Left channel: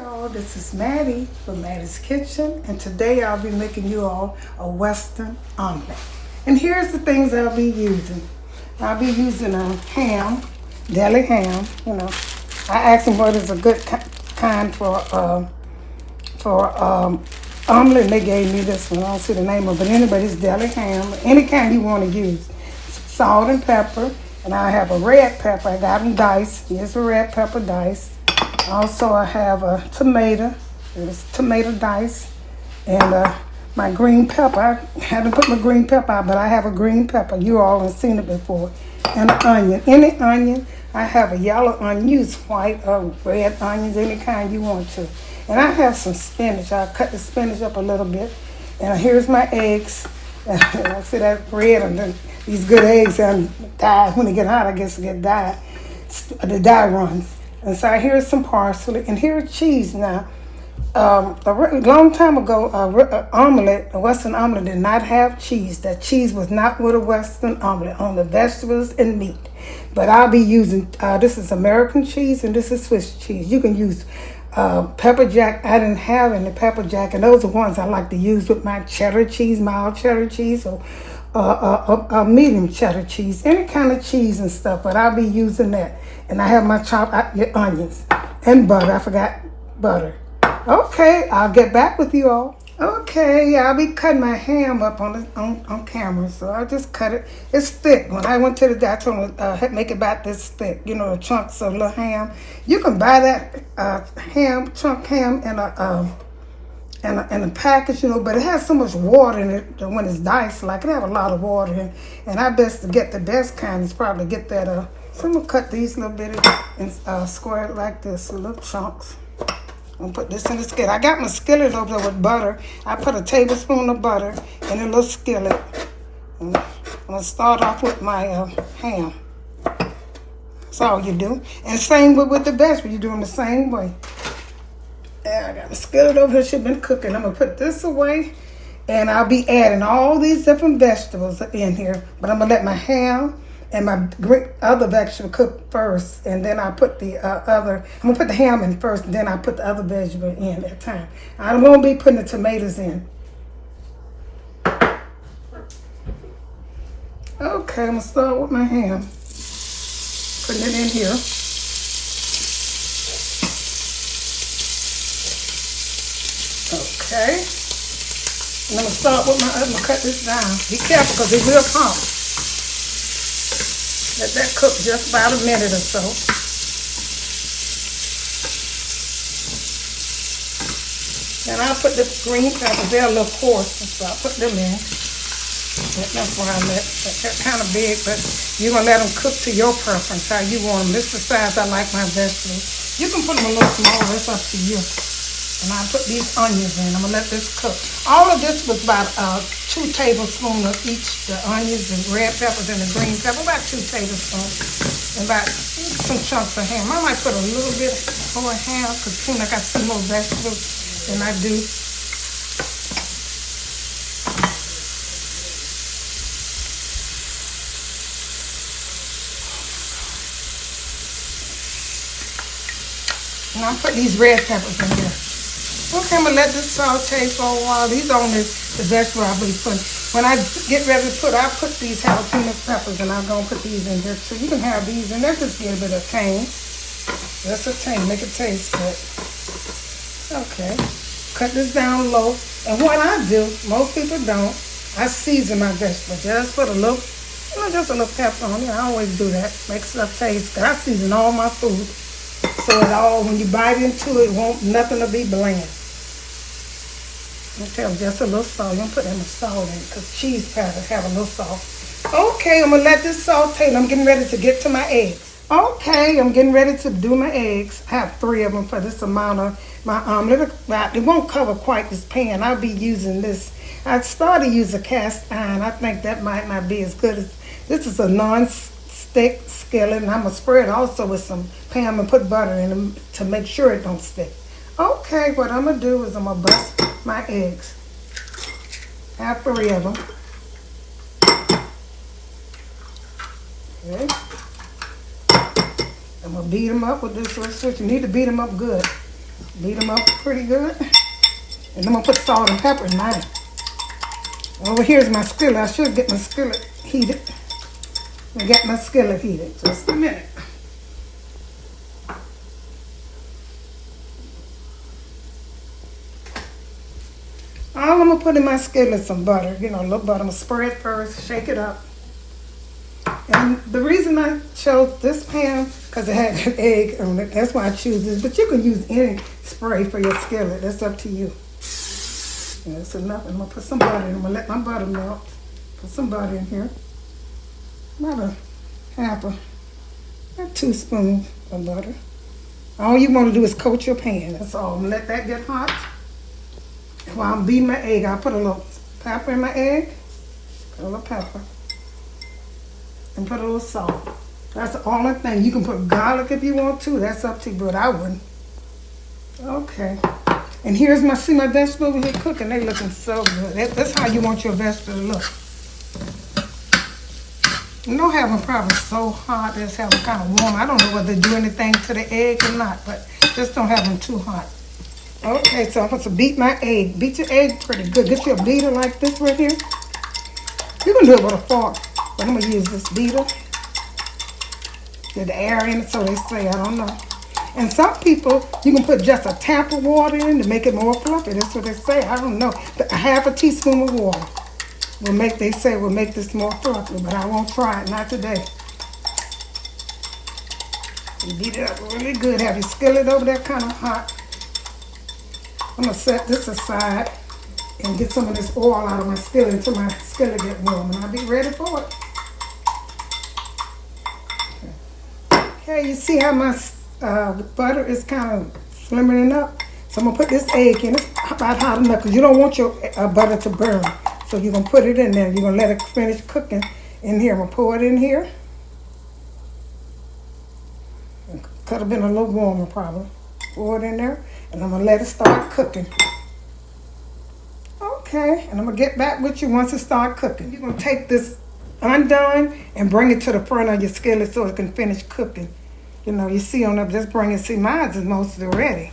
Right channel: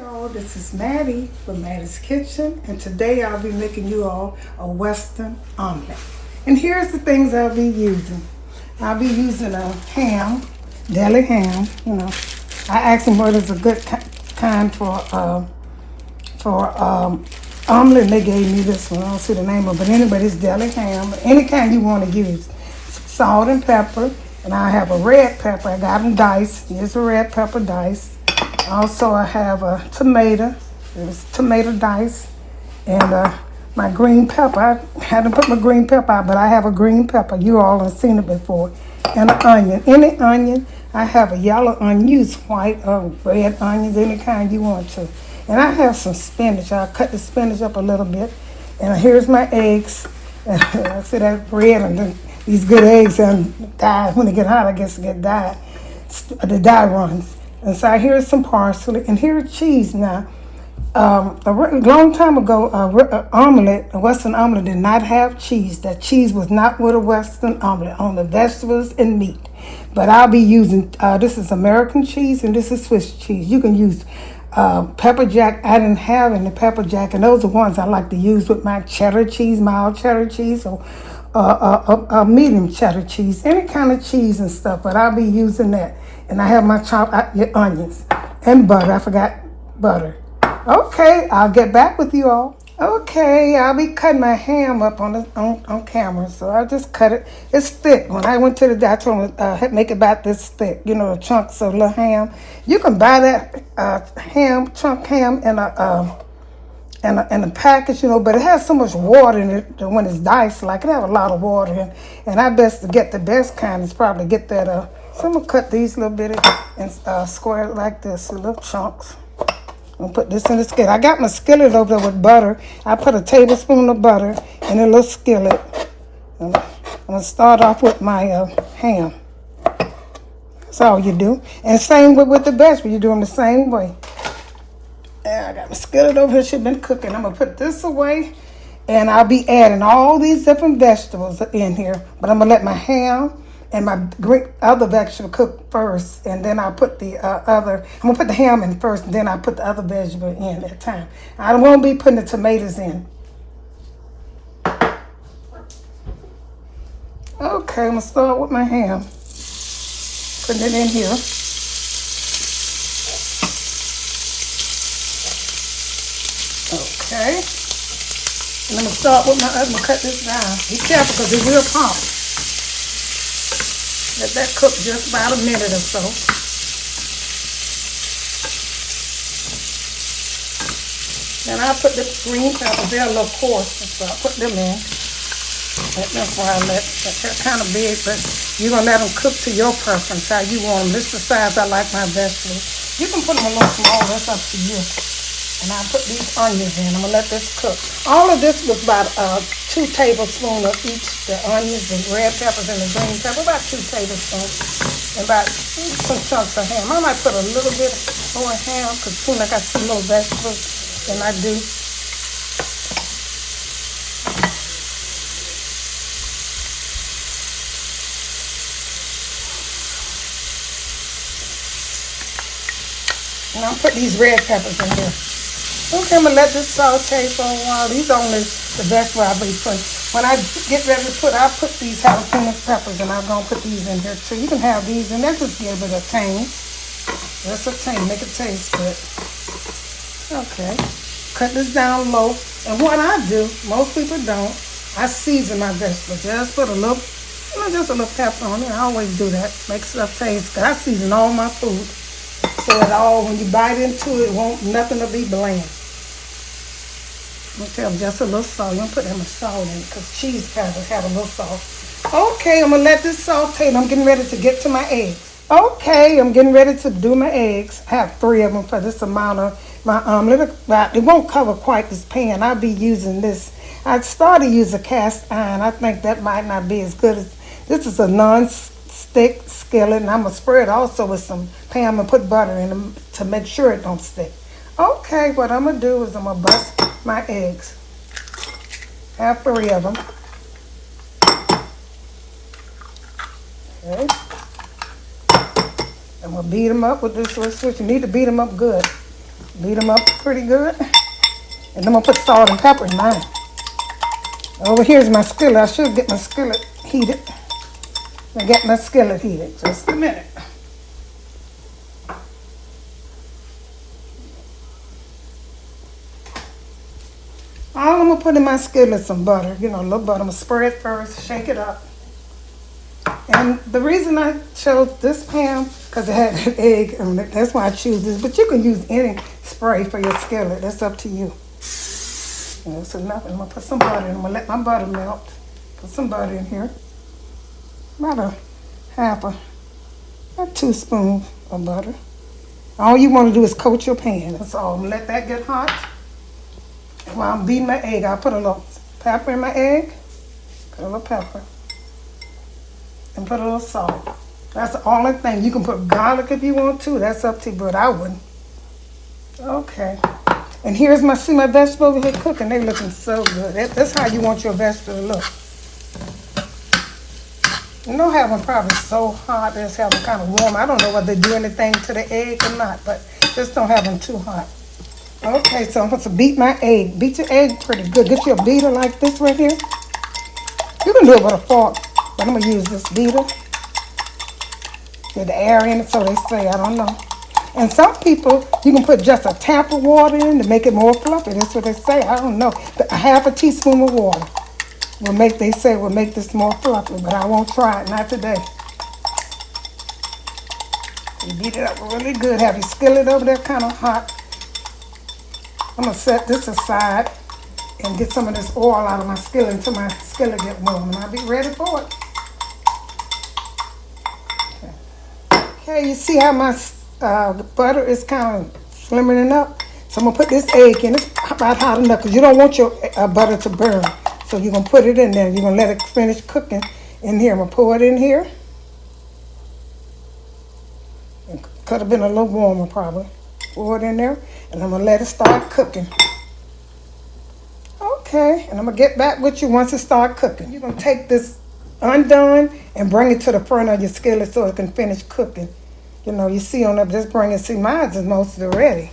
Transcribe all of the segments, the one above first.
Y'all, this is Mattie from Mattie's Kitchen, and today I'll be making you all a Western omelet. And here's the things I'll be using. I'll be using a ham, deli ham. You know, I asked them what is a good kind for omelet, and they gave me this one. I don't see the name of it, but anyway, it's deli ham, any kind you want to use. Salt and pepper, and I have a red pepper. I got them diced. Here's a red pepper diced. Also, I have a tomato. It's tomato dice, and my green pepper. I haven't put my green pepper out, but I have a green pepper. You all have seen it before. And an onion. Any onion. I have a yellow onion. Use white or red onions, any kind you want to. And I have some spinach. I cut the spinach up a little bit. And here's my eggs. I see that red and these good eggs and dye. When they get hot, I guess they get dyed. The dye runs. And so here's some parsley, and here's cheese now. A long time ago, a Western omelet did not have cheese. That cheese was not with a Western omelet, on the vegetables and meat. But I'll be using, this is American cheese and this is Swiss cheese. You can use pepper jack. I didn't have any pepper jack, and those are ones I like to use with my cheddar cheese, mild cheddar cheese, or medium cheddar cheese, any kind of cheese and stuff, but I'll be using that. And I have my chopped onions and butter. I forgot butter. Okay, I'll get back with you all. Okay, I'll be cutting my ham up on camera, so I just cut it. It's thick. When I went to the doctor, I told him make it about this thick. You know, the chunks of little ham. You can buy that chunk ham in a package, you know, but it has so much water in it that when it's diced, like it have a lot of water in. And I best to get the best kind is probably get that. So I'm gonna cut these little bitty and square it like this, in little chunks. I'm gonna put this in the skillet. I got my skillet over there with butter. I put a tablespoon of butter in a little skillet. I'm gonna start off with my ham. That's all you do. And same with the vegetable, you're doing the same way. And I got my skillet over here, she's been cooking. I'm gonna put this away, and I'll be adding all these different vegetables in here. But I'm gonna let my ham and my other vegetable cook first, and then I'll put the I'm gonna put the ham in first, and then I'll put the other vegetable in at a time. I won't be putting the tomatoes in. Okay, I'm gonna start with my ham. Putting it in here. Okay. And I'm gonna start with I'm gonna cut this down. Be careful because it will pop. Let that cook just about a minute or so. And I'll put the green peppers, they're a little coarse, so I'll put them in. That's why I let that kind of big, but you're going to let them cook to your preference, how you want them. This is the size I like my vegetables. You can put them a little smaller, that's up to you. And I'll put these onions in. I'm going to let this cook. All of this was about 2 tablespoons of each. The onions, the red peppers, and the green pepper. About 2 tablespoons. And about some chunks of ham. I might put a little bit more ham because it seems like I see more vegetables than I do. And I'll put these red peppers in here. Okay, I'm going to let this saute for a while. These are only the vegetables I really put. When I get ready to put, I'll put these jalapeno peppers, and I'm going to put these in here too. You can have these, and that just gives it a tang. That's a tang, make it taste good. Okay, cut this down low. And what I do, most people don't, I season my vegetables. Just put a little, just a little pepper on it. I always do that. Makes stuff taste good. I season all my food. So it all, when you bite into it, nothing will be bland. Okay, just a little salt. I'm going to put some salt in because cheese kind of have a little salt. Okay, I'm going to let this saute, and I'm getting ready to get to my eggs. Okay, I'm getting ready to do my eggs. I have 3 of them for this amount of my omelet. It won't cover quite this pan. I'll be using this. I started to use a cast iron. I think that might not be as good as, this is a non-stick skillet, and I'm going to spread it also with some pan. I'm going to put butter in them to make sure it don't stick. Okay, what I'm going to do is I'm going to bust my eggs. I have 3 of them. Okay. I'm going to beat them up with this little switch. You need to beat them up good. Beat them up pretty good. And I'm gonna put salt and pepper in mine. Over here's my skillet. I should get my skillet heated. I got my skillet heated. Just a minute. All I'm gonna put in my skillet is some butter. You know, a little butter. I'm gonna spray it first, shake it up. And the reason I chose this pan because it had an egg, and that's why I choose this. But you can use any spray for your skillet. That's up to you. And that's enough. I'm gonna put some butter in. I'm gonna let my butter melt. Put some butter in here. About a teaspoon of butter. All you want to do is coat your pan. That's all. I'm gonna let that get hot. And while I'm beating my egg, I put a little pepper in my egg. Put a little pepper. And put a little salt. That's the only thing. You can put garlic if you want to. That's up to you, but I wouldn't. Okay. And here's my vegetable over here cooking. They're looking so good. That's how you want your vegetable to look. You don't have them probably so hot. They just have them kind of warm. I don't know whether they do anything to the egg or not, but just don't have them too hot. Okay, so I'm going to beat my egg. Beat your egg pretty good. Get you a beater like this right here. You can do it with a fork, but I'm going to use this beater. Get the air in it, so they say. I don't know. And some people, you can put just a tap of water in to make it more fluffy. That's what they say. I don't know. A half a teaspoon of water will make, they say, will make this more fluffy, but I won't try it, not today. You beat it up really good. Have your skillet over there kind of hot. I'm going to set this aside and get some of this oil out of my skillet until my skillet get warm, and I'll be ready for it. Okay, you see how my the butter is kind of slimming up? So I'm going to put this egg in. It's about hot enough because you don't want your butter to burn. So you're going to put it in there. You're going to let it finish cooking in here. I'm going to pour it in here. It could have been a little warmer probably. Pour it in there. And I'm going to let it start cooking. Okay. And I'm going to get back with you once it starts cooking. You're going to take this undone and bring it to the front of your skillet so it can finish cooking. You know, you see on up, just bring it. See, mine is mostly ready.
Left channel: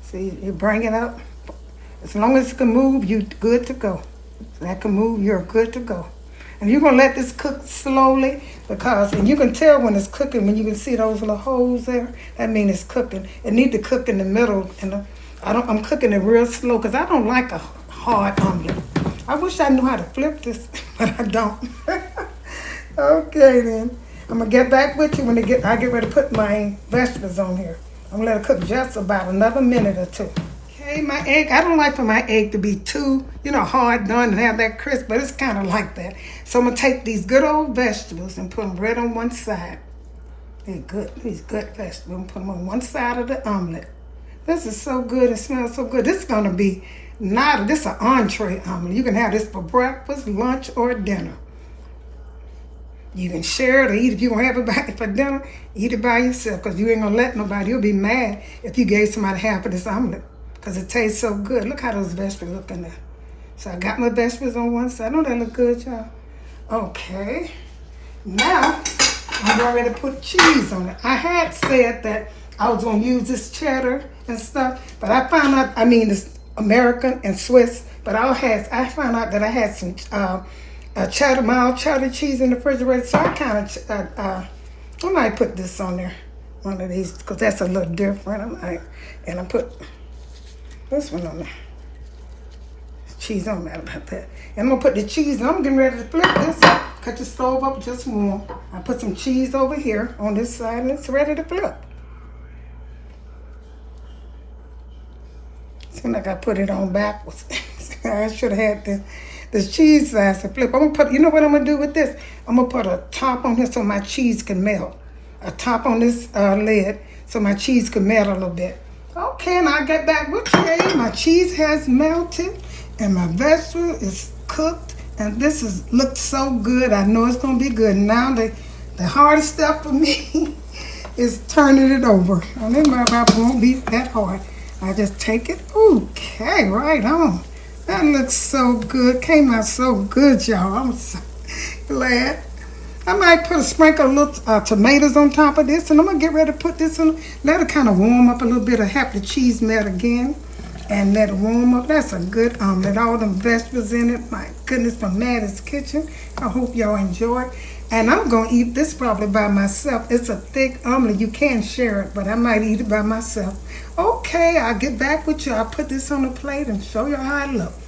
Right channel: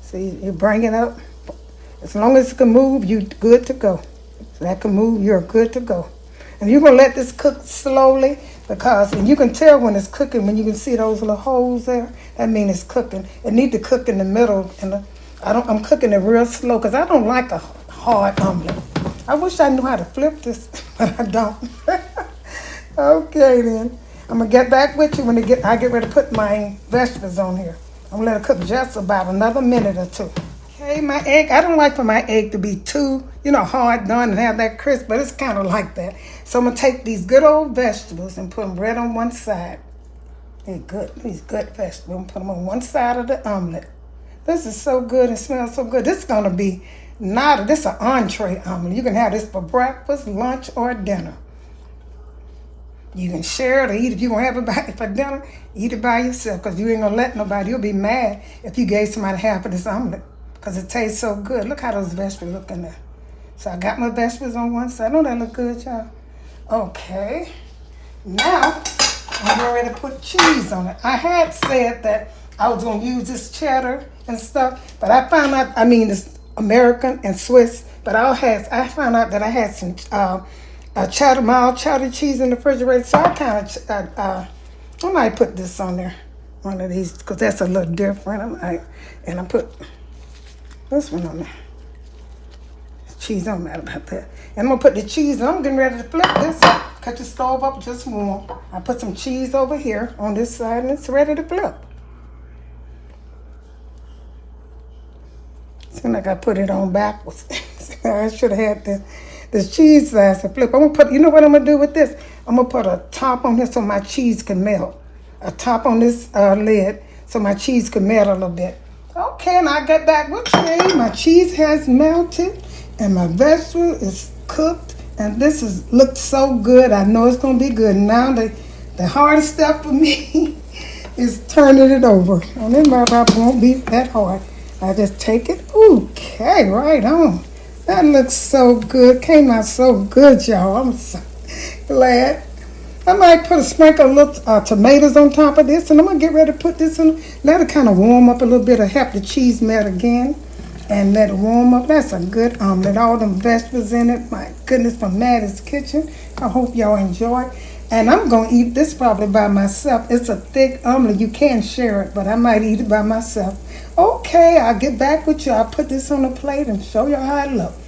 See, you bring it up. As long as it can move, you're good to go. So that can move, you're good to go. And you're going to let this cook slowly because, and you can tell when it's cooking, when you can see those little holes there, that means it's cooking. It needs to cook in the middle. And I'm cooking it real slow because I don't like a hard omelet. I wish I knew how to flip this, but I don't. Okay, then. I'm going to get back with you when I get ready to put my vegetables on here. I'm going to let it cook just about another minute or two. Okay, my egg, I don't like for my egg to be too, hard done and have that crisp, but it's kind of like that. So I'm going to take these good old vegetables and put them right on one side. They're good, these good vegetables. And put them on one side of the omelet. This is so good, it smells so good. This is going to be this is an entree omelet. You can have this for breakfast, lunch, or dinner. You can share it or eat. If you want to have it for dinner, eat it by yourself because you ain't going to let nobody. You'll be mad if you gave somebody half of this omelet because it tastes so good. Look how those vegetables look in there. So I got my vegetables on one side. Don't that look good, y'all? Okay. Now, I'm ready to put cheese on it. I had said that I was going to use this cheddar and stuff, but I found out, it's American and Swiss, but I found out that I had some mild cheddar cheese in the refrigerator, so I might put this on there, one of these, because that's a little different. I put this one on there. Cheese on there about that. And I'm gonna put the cheese. I'm getting ready to flip this. Cut the stove up just warm. I put some cheese over here on this side, and it's ready to flip. Seems like I put it on backwards. I should have had this cheese slice to flip. I'm gonna put, you know what I'm gonna do with this? I'm gonna put a top on this so my cheese can melt. A top on this lid so my cheese can melt a little bit. Okay, and I'll get back with you. My cheese has melted and my vegetable is cooked, and this looks so good. I know it's gonna be good. Now the hardest step for me is turning it over. And then my probably won't be that hard. I just take it. Okay, right on. That looks so good. Came out so good, y'all. I'm so glad. I might put a sprinkle of little tomatoes on top of this, and I'm gonna get ready to put this in. Let it kind of warm up a little bit. Have the cheese melt again, and let it warm up. That's a good omelet. All them vegetables in it. My goodness, from Mattie's kitchen. I hope y'all enjoy it. And I'm gonna eat this probably by myself. It's a thick omelet. You can share it, but I might eat it by myself. Okay, I'll get back with you. I'll put this on a plate and show you how it looks.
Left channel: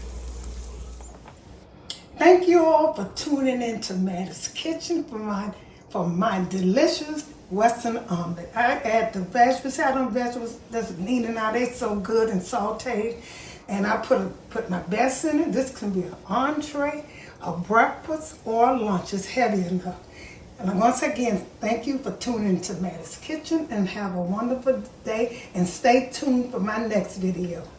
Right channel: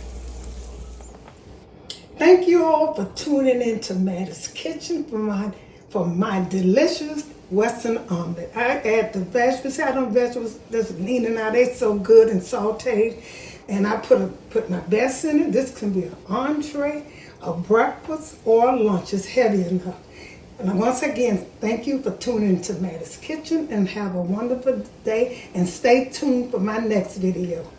Thank you all for tuning in to Mattie's Kitchen for my delicious Western omelet. I add the vegetables. See how them vegetables that's leaning out. They're so good and sauteed. And I put my best in it. This can be an entree, a breakfast, or a lunch. It's heavy enough. And once again, thank you for tuning into Mattie's Kitchen, and have a wonderful day, and stay tuned for my next video.